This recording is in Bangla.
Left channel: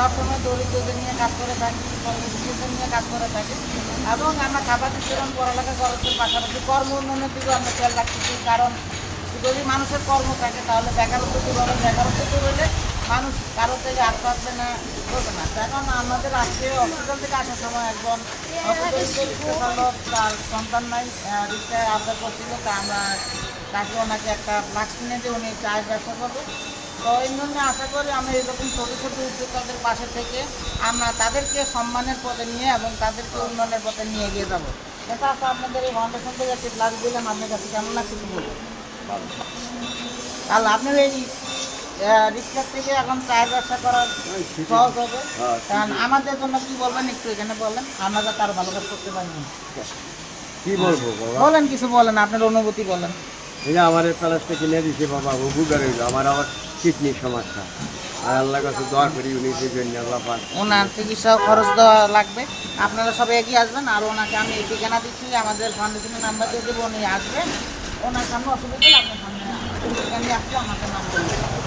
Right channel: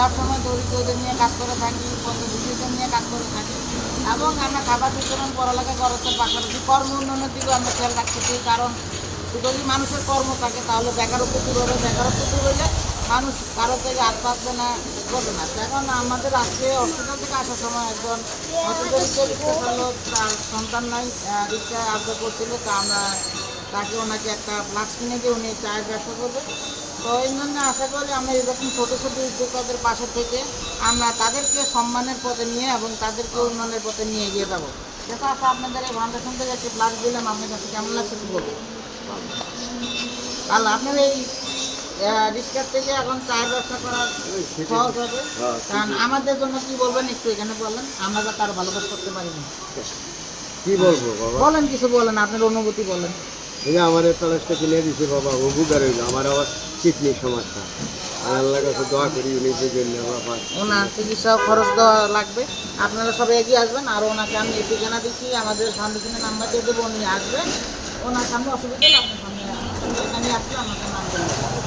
সবসময় দরিদ্রদের নিয়ে কাজ করে থাকি দরিদ্রদের নিয়ে কাজ করে থাকি। এবং আমরা খাবার বিতরণ পড়ালেখা খরচের পাশাপাশি কর্ম উন্নয়নের দিকেও আমরা খেয়াল রাখতেছি, কারণ যদি মানুষের কর্ম থাকে তাহলে বেকারত্ব দূর হবে বেকারত্ব দূর হলে মানুষ কারও থেকে হাত পাচ্ছে না, করবে না। কারণ আমাদের আজকে হসপিটাল থেকে আসার সময় একজন হসপিটাল তার সন্তান নাই রিক্সায় আবদার করছিল, তা আমরা তাকে ওনাকে একটা ফ্লাক্স কিনে দিয়ে উনি চায়ের ব্যবসা করবে। তো এই জন্য আশা করি আমরা এরকম ছোটো ছোটো উদ্যোক্তাদের পাশে থেকে আমরা তাদেরকে সম্মানের পথে নিয়ে এবং তাদেরকে উন্নয়নের পথে নিয়ে এগিয়ে যাব। দেখা আছে আপনাদের এই ফাউন্ডেশন থেকে একটি ফ্লাক্স দিলাম আপনার কাছে কেমন লাগছে কী বলব তাহলে আপনার এই রিক্সার থেকে এখন চায়ের ব্যবসা করার সহজ হবে। কারণ আমাদের জন্য কি বলবেন একটু এখানে বলেন। আমরা যাতে আরও ভালো কাজ করতে পারি। না কি বলব বলেন কিছু বলেন আপনার অনুভূতি বলেন। এই আমার প্লাসটা কিনে দিছে বাবা হইল আমার আবার কিডনির সমস্যা। আর আল্লাহ কাছে দোয়া করি উনি সেই জন্য বাবা ওনার চিকিৎসা খরচ দেওয়া লাগবে। আপনারা সবাই এগিয়ে আসবেন, আর ওনাকে আমি ঠিকানা দিচ্ছি, আমাদের ফাউন্ডেশনের নাম্বার দিয়ে দেবো, উনি আসবেন। ওনার সামনে অসুবিধা আপনি সামনে আসলে আমাকে নাম দেবেন।